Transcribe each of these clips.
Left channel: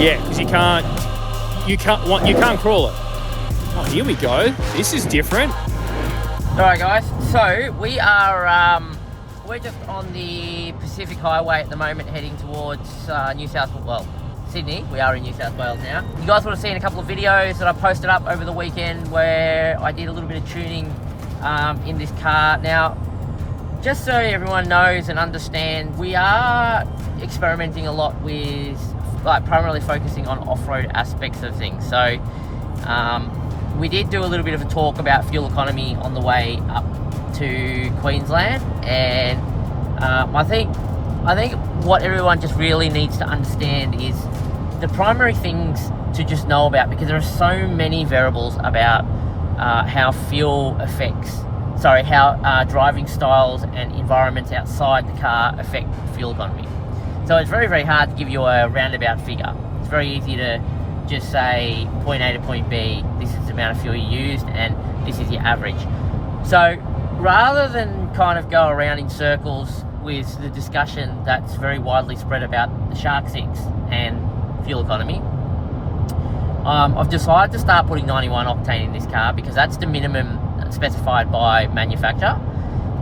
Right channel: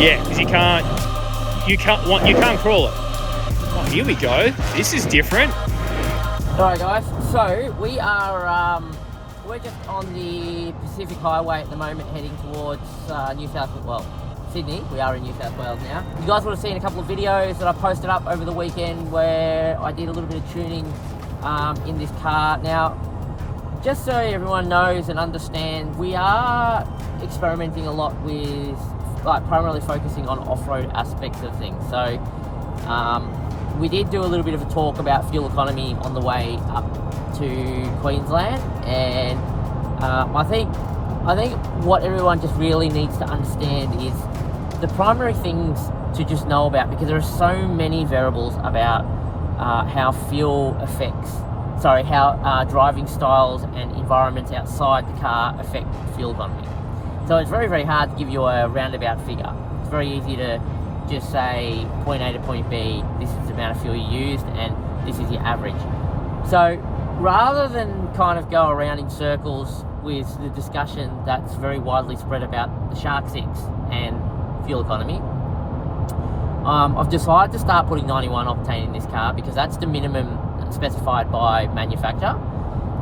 Yeah, because you can't crawl it. Oh, here we go. This is different. Alright guys, so we are we're just on the Pacific Highway at the moment, heading towards Sydney. We are in New South Wales now. You guys would have seen a couple of videos that I posted up over the weekend where I did a little bit of tuning in this car. Now, just so everyone knows and understands, we are experimenting a lot with, like, primarily focusing on off-road aspects of things. So we did do a little bit of a talk about fuel economy on the way up to Queensland, and I think what everyone just really needs to understand is the primary things to just know about, because there are so many variables about how driving styles and environments outside the car affect fuel economy. So it's very, very hard to give you a roundabout figure. It's very easy to just say point A to point B, this is the amount of fuel you used and this is your average. So rather than kind of go around in circles with the discussion that's very widely spread about the Shark 6 and fuel economy, I've decided to start putting 91 octane in this car because that's the minimum specified by manufacturer.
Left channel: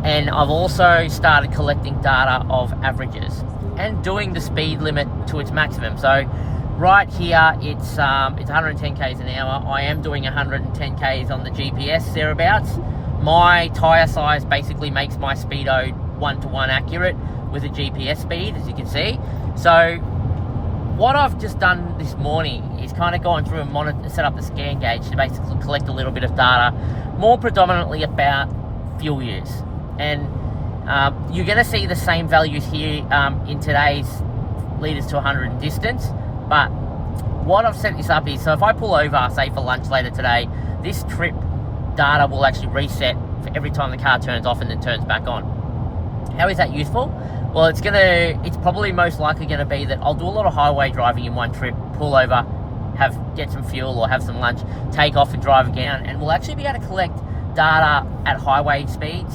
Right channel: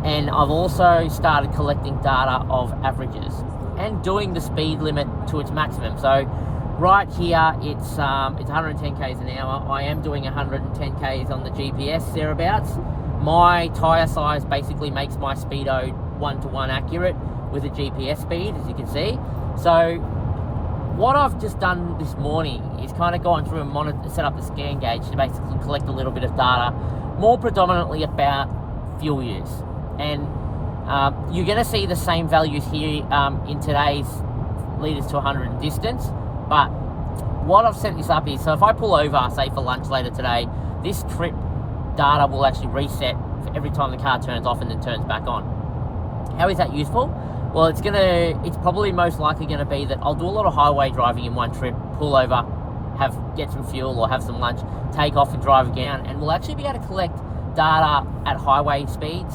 And I've also started collecting data of averages and doing the speed limit to its maximum. So right here, it's 110 k's an hour. I am doing 110 k's on the GPS thereabouts. My tyre size basically makes my speedo 1-to-1 accurate with a GPS speed, as you can see. So what I've just done this morning is kind of gone through and set up the scan gauge to basically collect a little bit of data, more predominantly about fuel use. And you're going to see the same values here in today's litres to 100 distance. But what I've set this up is, so if I pull over, say for lunch later today, this trip data will actually reset for every time the car turns off and then turns back on. How is that useful? Well, it's probably most likely going to be that I'll do a lot of highway driving in one trip, pull over, get some fuel or have some lunch, take off and drive again, and we'll actually be able to collect data at highway speeds,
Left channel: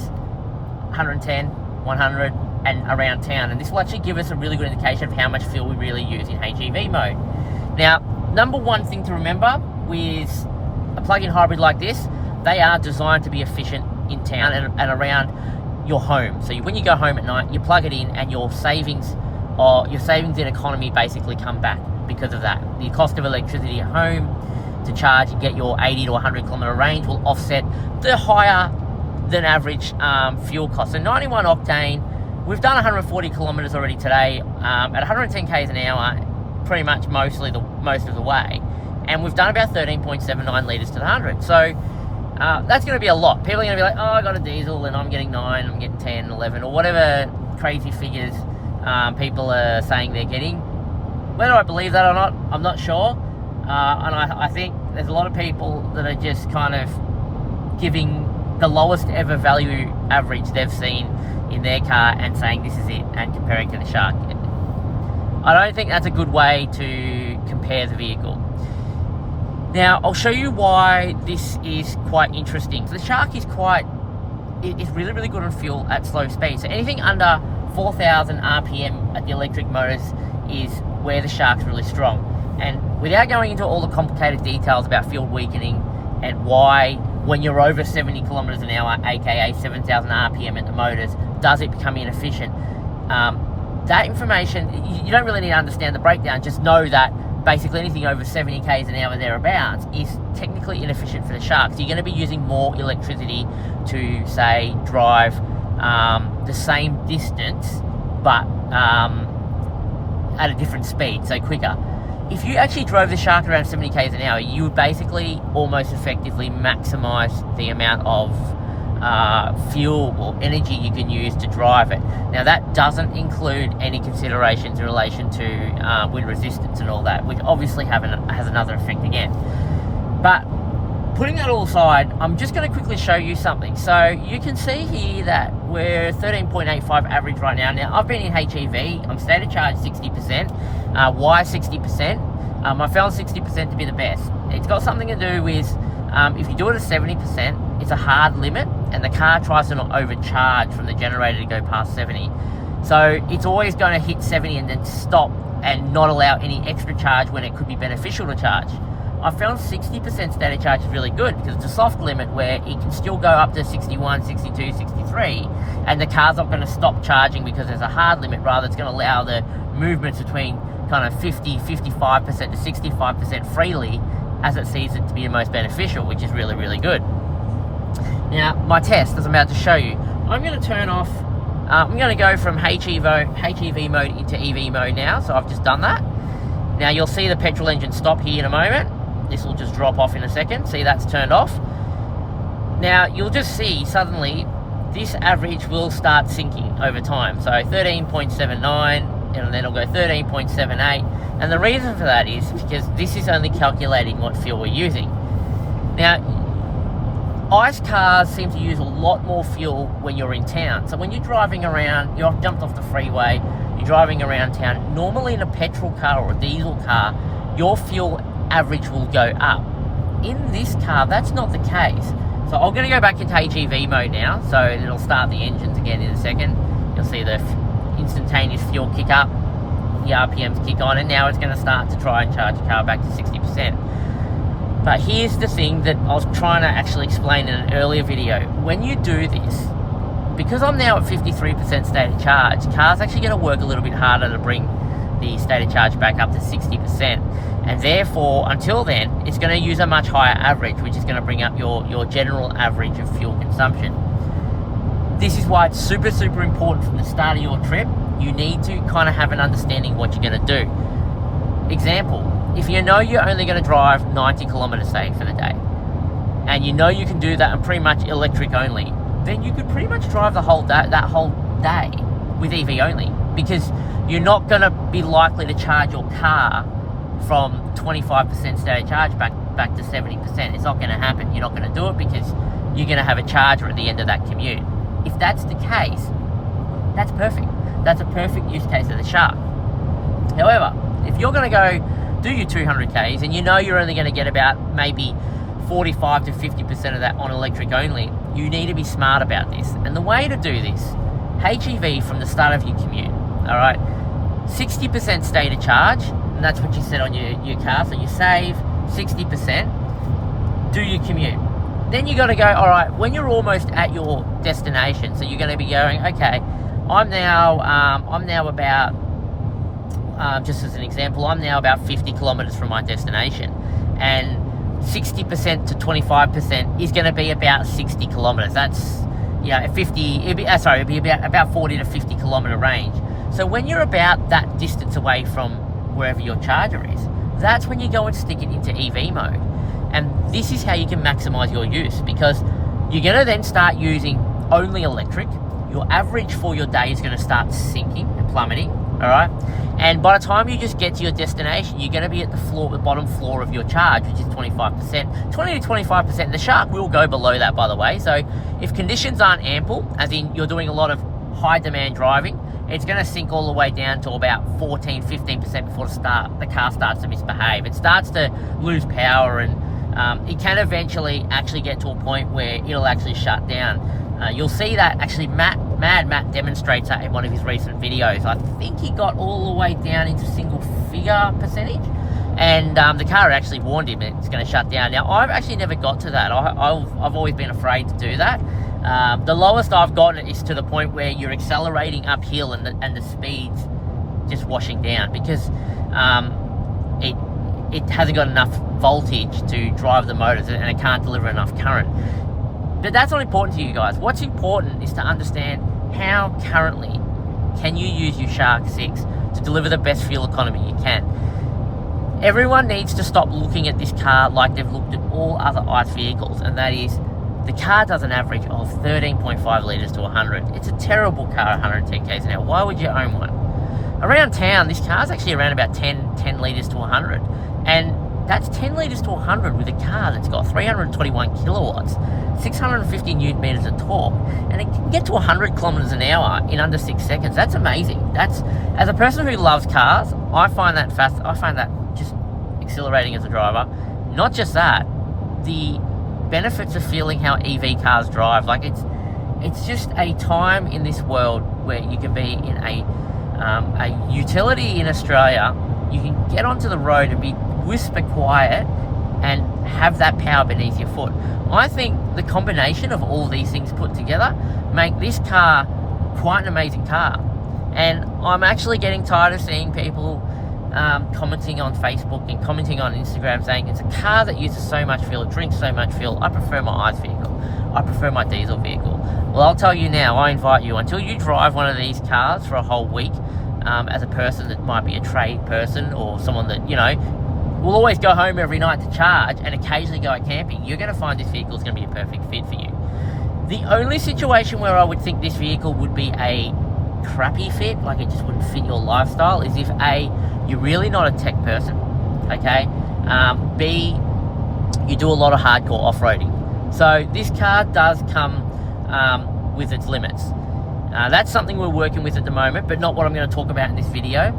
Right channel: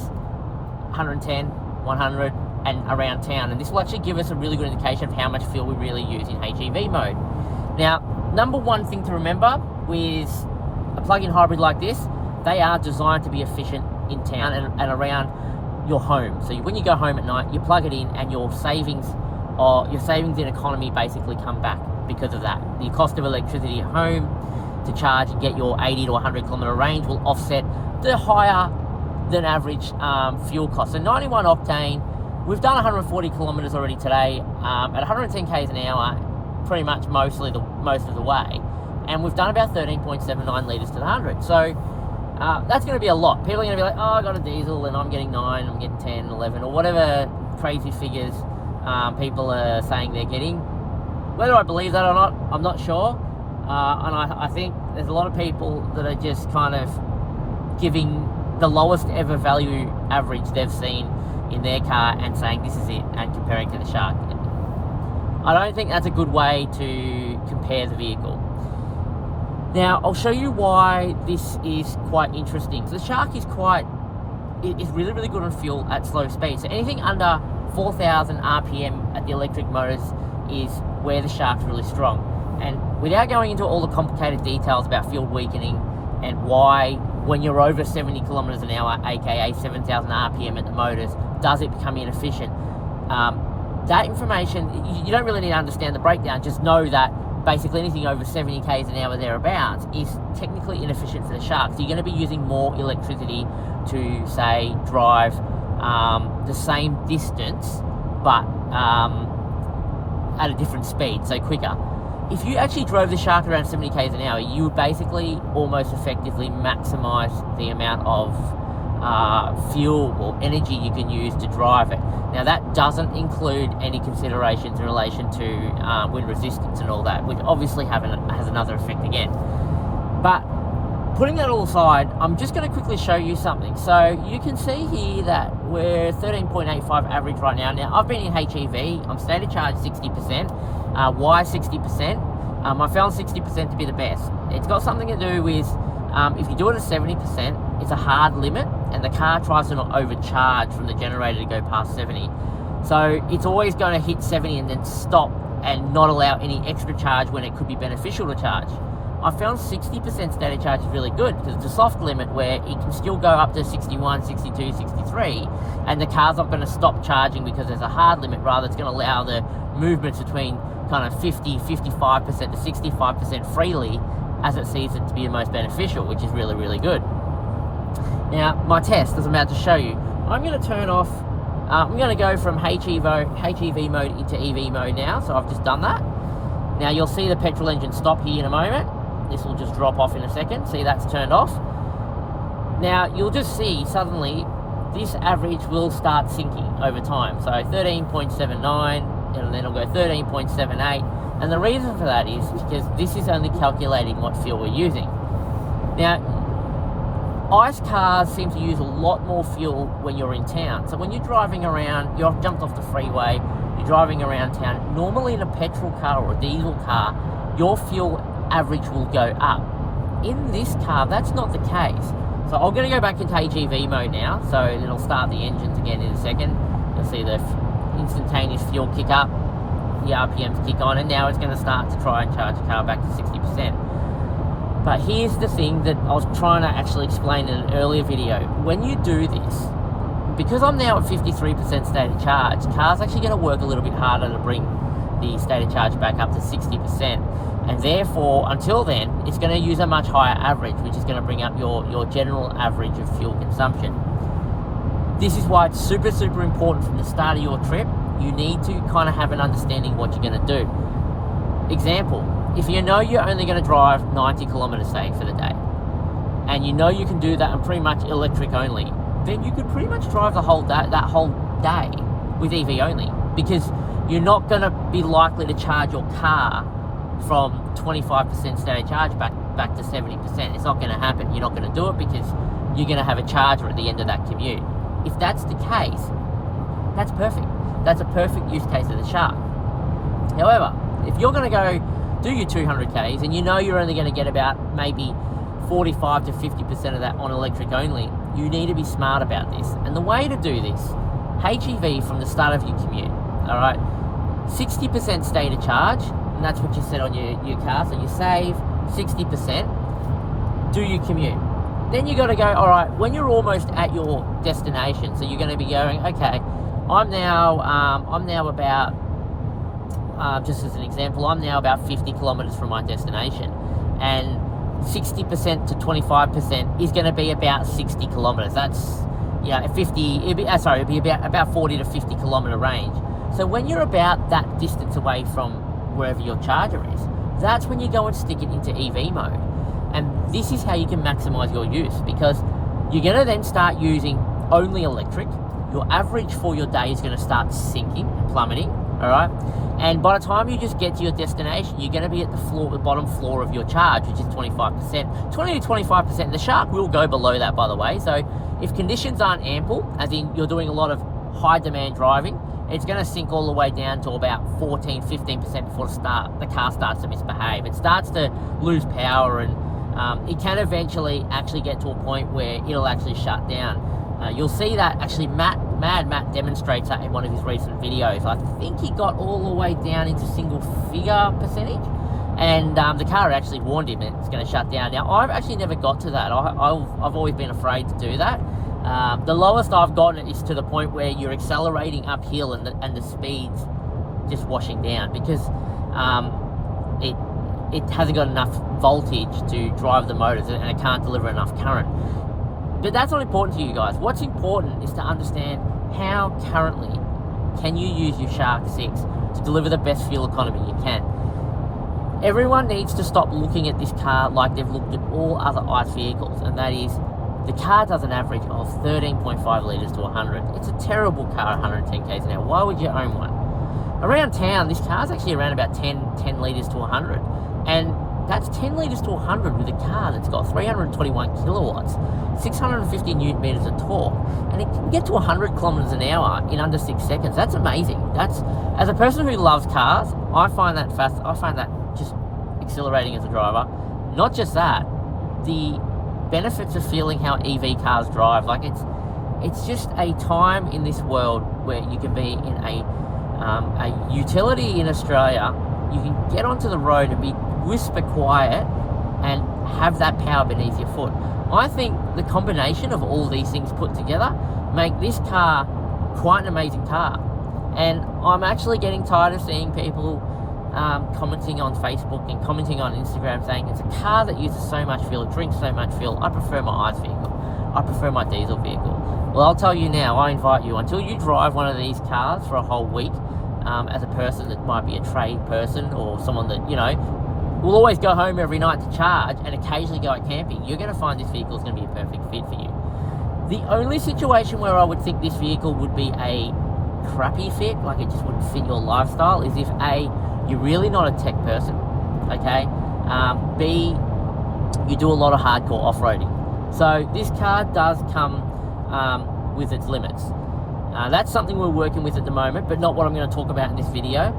110, 100, and around town. And this will actually give us a really good indication of how much fuel we really use in HEV mode. Now, number one thing to remember with a plug-in hybrid like this, they are designed to be efficient in town and around your home. So when you go home at night, you plug it in and your savings in economy basically come back because of that. The cost of electricity at home to charge and get your 80 to 100 kilometer range will offset the higher than average fuel cost. So 91 octane, we've done 140 kilometers already today at 110 k's an hour, pretty much most of the way, and we've done about 13.79 litres to the 100. So that's going to be a lot. People are going to be like, oh, I got a diesel and I'm getting 9, I'm getting 10, 11, or whatever crazy figures people are saying they're getting. Whether I believe that or not, I'm not sure. And I think there's a lot of people that are just kind of giving the lowest ever value average they've seen in their car and saying this is it and comparing to the Shark. I don't think that's a good way to compare the vehicle. Now, I'll show you why this is quite interesting. So the Shark is really, really good on fuel at slow speed. So anything under 4,000 RPM at the electric motors is where the Shark's really strong. And without going into all the complicated details about fuel weakening and why when you're over 70 kilometers an hour, aka 7,000 RPM at the motors, does it become inefficient? That information, you don't really need to understand the breakdown. Just know that basically anything over 70 k's an hour thereabouts is technically inefficient for the Shark. So you're going to be using more electricity to, say, drive the same distance, but at a different speed, so quicker. If you actually drove the Shark around 70 k's an hour, you would basically almost effectively maximize the amount of fuel or energy you can use to drive it. Now, that doesn't include any considerations in relation to wind resistance and all that, which obviously has another effect again. But putting that all aside, I'm just going to quickly show you something. So you can see here that we're 13.85 average right now. Now, I've been in HEV. I'm state of charge 60%. Why 60%? I found 60% to be the best. It's got something to do with if you do it at 70%, it's a hard limit, and the car tries to not overcharge from the generator to go past 70. So it's always going to hit 70 and then stop and not allow any extra charge when it could be beneficial to charge. I found 60% static charge is really good because it's a soft limit where it can still go up to 61, 62, 63, and the car's not going to stop charging because there's a hard limit. Rather, it's going to allow the movements between kind of 50, 55% to 65% freely as it sees it to be the most beneficial, which is really, really good. Now, my test, as I'm about to show you, I'm going to turn off, I'm going to go from HEV mode into EV mode now, so I've just done that. Now, you'll see the petrol engine stop here in a moment. This will just drop off in a second. See, that's turned off. Now, you'll just see suddenly this average will start sinking over time. So 13.79, and then it'll go 13.78. And the reason for that is because this is only calculating what fuel we're using. Now, ICE cars seem to use a lot more fuel when you're in town. So when you're driving around, you've jumped off the freeway, you're driving around town, normally in a petrol car or a diesel car, your fuel average will go up. In this car, that's not the case. So I'm going to go back into HEV mode now, so it'll start the engines again in a second. You'll see the instantaneous fuel kick up, the RPMs kick on, and now it's going to start to try and charge the car back to 60%. But here's the thing that I was trying to actually explain in an earlier video. When you do this, because I'm now at 53% static charge, car's actually going to work a little bit harder to bring the static charge back up to 60%. And therefore, until then, it's going to use a much higher average, which is going to bring up your general average of fuel consumption. This is why it's super, super important from the start of your trip. You need to kind of have an understanding what you're going to do. Example, if you know you're only going to drive 90 kilometers, say, for the day, and you know you can do that and pretty much electric only, then you could pretty much drive the whole day, that whole day with EV only, because you're not going to be likely to charge your car from 25% static charge back to 70%. It's not going to happen. You're not going to do it because you're going to have a charger at the end of that commute. If that's the case, that's perfect. That's a perfect use case of the Shark. However, if you're going to go do your 200 Ks and you know you're only going to get about maybe 45 to 50% of that on electric only, you need to be smart about this. And the way to do this, HEV from the start of your commute, all right, 60% stated charge, and that's what you set on your car, so you save 60%, do your commute. Then you got to go, all right, when you're almost at your destination, so you're going to be going, okay, I'm now about, just as an example, I'm now about 50 kilometers from my destination, and 60% to 25% is going to be about 60 kilometers. That's, yeah, it'd be about 40 to 50 kilometer range. So when you're about that distance away from wherever your charger is, that's when you go and stick it into EV mode. And this is how you can maximize your use, because you're going to then start using only electric. Your average for your day is going to start sinking and plummeting, all right? And by the time you just get to your destination, you're going to be at the bottom floor of your charge, which is 25%. 20 to 25%. The Shark will go below that, by the way. So if conditions aren't ample, as in you're doing a lot of high demand driving, it's going to sink all the way down to about 14, 15% before the car starts to misbehave. It starts to lose power, and it can eventually actually get to a point where it'll actually shut down. You'll see that actually Matt demonstrates that in one of his recent videos. I think he got all the way down into single figure percentage, and the car actually warned him it's going to shut down. Now, I've actually never got to that. I've always been afraid to do that. The lowest I've gotten is to the point where you're accelerating uphill and the speed's just washing down, because it hasn't got enough voltage to drive the motors, and it can't deliver enough current. But that's not important to you guys. What's important is to understand how currently can you use your Shark 6 to deliver the best fuel economy you can. Everyone needs to stop looking at this car like they've looked at all other ICE vehicles, and that is, the car does an average of 13.5 litres to 100. It's a terrible car, 110 k's an hour. Why would you own one? Around town, this car's actually around about 10 litres to 100. And that's 10 litres to 100 with a car that's got 321 kilowatts, 650 newton meters of torque, and it can get to 100 kilometers an hour in under 6 seconds. That's amazing. That's, as a person who loves cars, I find that just exhilarating as a driver. Not just that, the benefits of feeling how EV cars drive. Like, it's just a time in this world where you can be in a A utility in Australia, you can get onto the road and be whisper quiet and have that power beneath your foot. I think the combination of all these things put together make this car quite an amazing car. And I'm actually getting tired of seeing people commenting on Facebook and commenting on Instagram saying it's a car that uses so much fuel, it drinks so much fuel. I prefer my ICE vehicle. I prefer my diesel vehicle. Well, I'll tell you now, I invite you, until you drive one of these cars for a whole week, as a person that might be a trade person or someone that, you know, will always go home every night to charge and occasionally go out camping, you're going to find this vehicle is going to be a perfect fit for you. The only situation where I would think this vehicle would be a crappy fit, like it just wouldn't fit your lifestyle, is if A, you're really not a tech person, okay? B, you do a lot of hardcore off-roading. So this car does come with its limits. That's something we're working with at the moment, but not what I'm going to talk about in this video.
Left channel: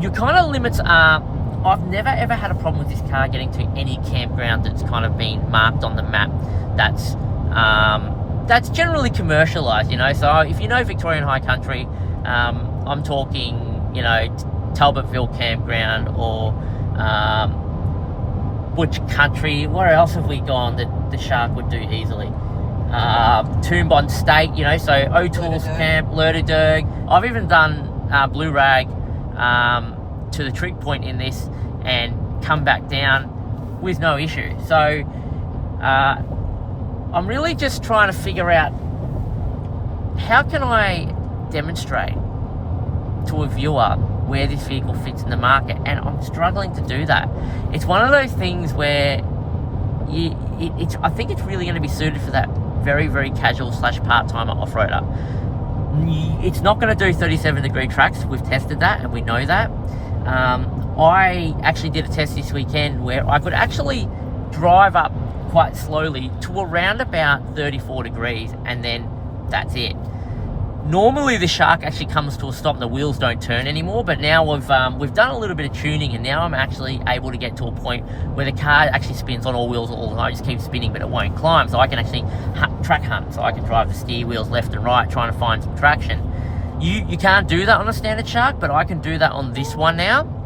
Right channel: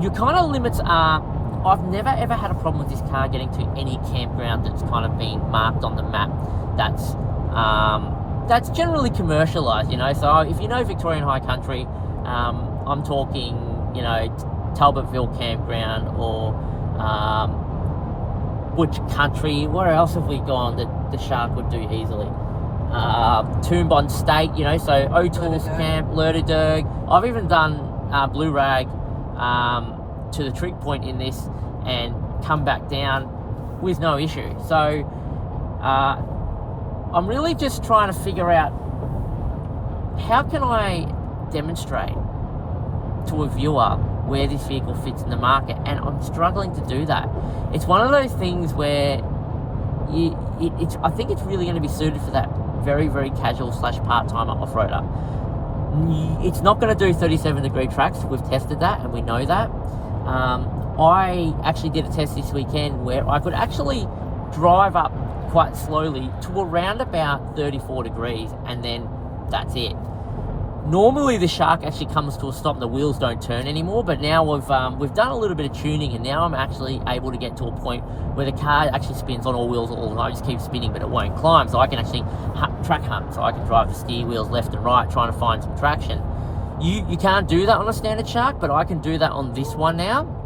Your kind of limits are, I've never ever had a problem with this car getting to any campground that's kind of been marked on the map. That's generally commercialized, you know. So if you know Victorian High Country, I'm talking, you know, Talbotville Campground or Butch Country. Where else have we gone that the Shark would do easily? Toonbon State, you know, so O'Toole's Camp, Lerderderg. I've even done Blue Rag to the trig point in this and come back down with no issue. So I'm really just trying to figure out how can I demonstrate to a viewer where this vehicle fits in the market, and I'm struggling to do that. It's one of those things where I think it's really going to be suited for that very, very casual / part-timer off-roader. It's not going to do 37-degree tracks. We've tested that and we know that. I actually did a test this weekend where I could actually drive up quite slowly to around about 34 degrees and then that's it. Normally the Shark actually comes to a stop and the wheels don't turn anymore, but now we've done a little bit of tuning and now I'm actually able to get to a point where the car actually spins on all wheels all the time. I just keep spinning but it won't climb, so I can actually track hunt, so I can drive the steer wheels left and right trying to find some traction. You can't do that on a standard Shark, but I can do that on this one now.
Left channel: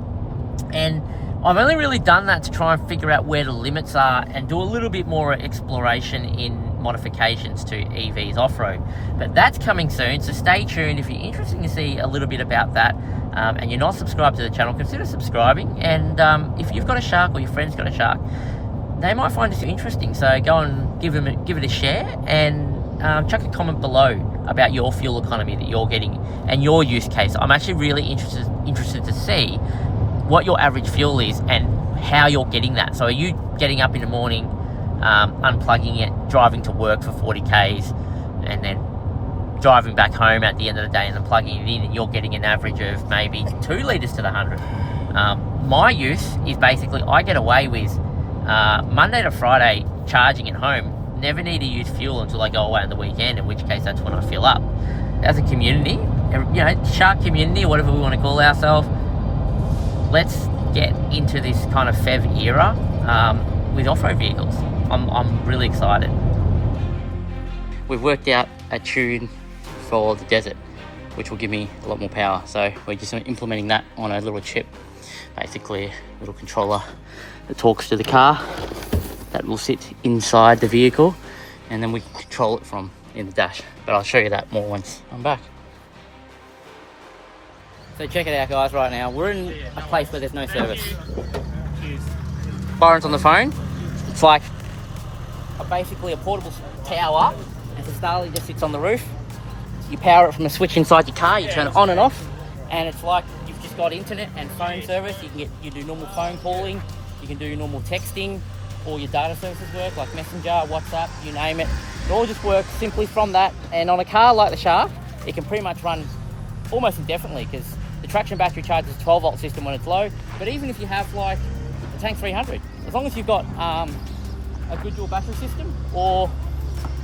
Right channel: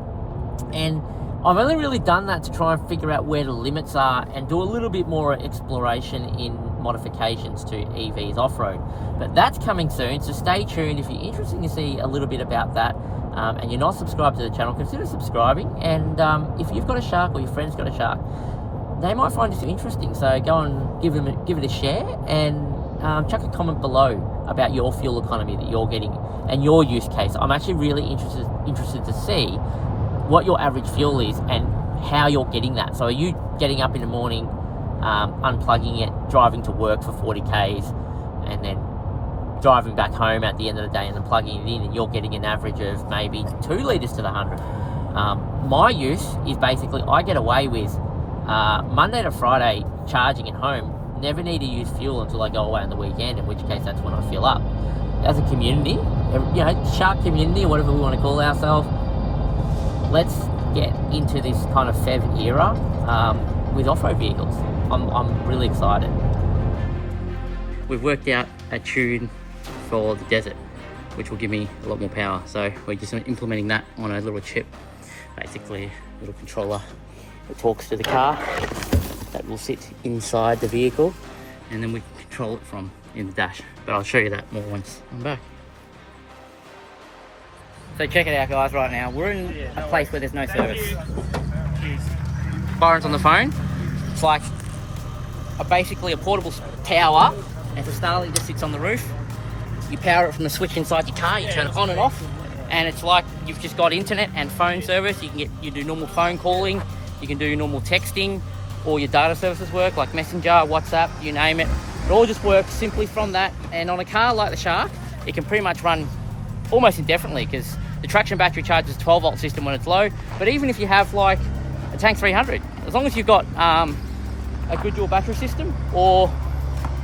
And I've only really done that to try and figure out where the limits are and do a little bit more exploration in modifications to EVs off-road. But that's coming soon, so stay tuned. If you're interested to see a little bit about that and you're not subscribed to the channel, consider subscribing. And if you've got a Shark or your friend's got a Shark, they might find this interesting, so go and give it a share and chuck a comment below about your fuel economy that you're getting and your use case. I'm actually really interested to see what your average fuel is and how you're getting that. So are you getting up in the morning, unplugging it, driving to work for 40 Ks and then driving back home at the end of the day and then plugging it in and you're getting an average of maybe 2 litres to the 100? My use is basically I get away with Monday to Friday charging at home. Never need to use fuel until I go away on the weekend, in which case that's when I fill up. As a community, you know, Shark community, whatever we want to call ourselves, let's get into this kind of PHEV era with off-road vehicles. I'm really excited. We've worked out a tune for the desert, which will give me a lot more power. So we're just implementing that on a little chip, basically a little controller that talks to the car that will sit inside the vehicle, and then we can control it from in the dash. But I'll show you that more once I'm back. So check it out, guys, right now. We're in a place where there's no service. Byron's on the phone. It's like basically a portable tower, and the Starlink just sits on the roof. You power it from a switch inside your car, you turn it on and off, and it's like you've just got internet and phone service. You do normal phone calling, you can do normal texting, all your data services work, like Messenger, WhatsApp, you name it. It all just works simply from that. And on a car like the Shark, it can pretty much run almost indefinitely because the traction battery charges 12-volt system when it's low. But even if you have like a Tank 300, as long as you've got a good dual battery system, or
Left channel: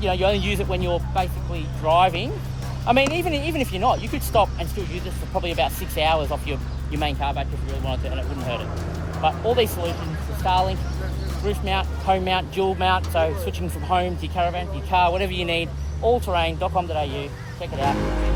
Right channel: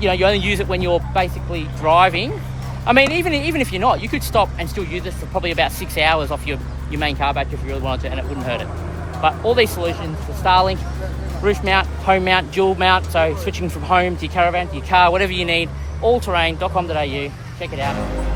you know, you only use it when you're basically driving. I mean, even if you're not, you could stop and still use this for probably about 6 hours off your main car battery if you really wanted to, and it wouldn't hurt it. But all these solutions, the Starlink, roof mount, home mount, dual mount, so switching from home to your caravan to your car, whatever you need, allterrain.com.au, check it out.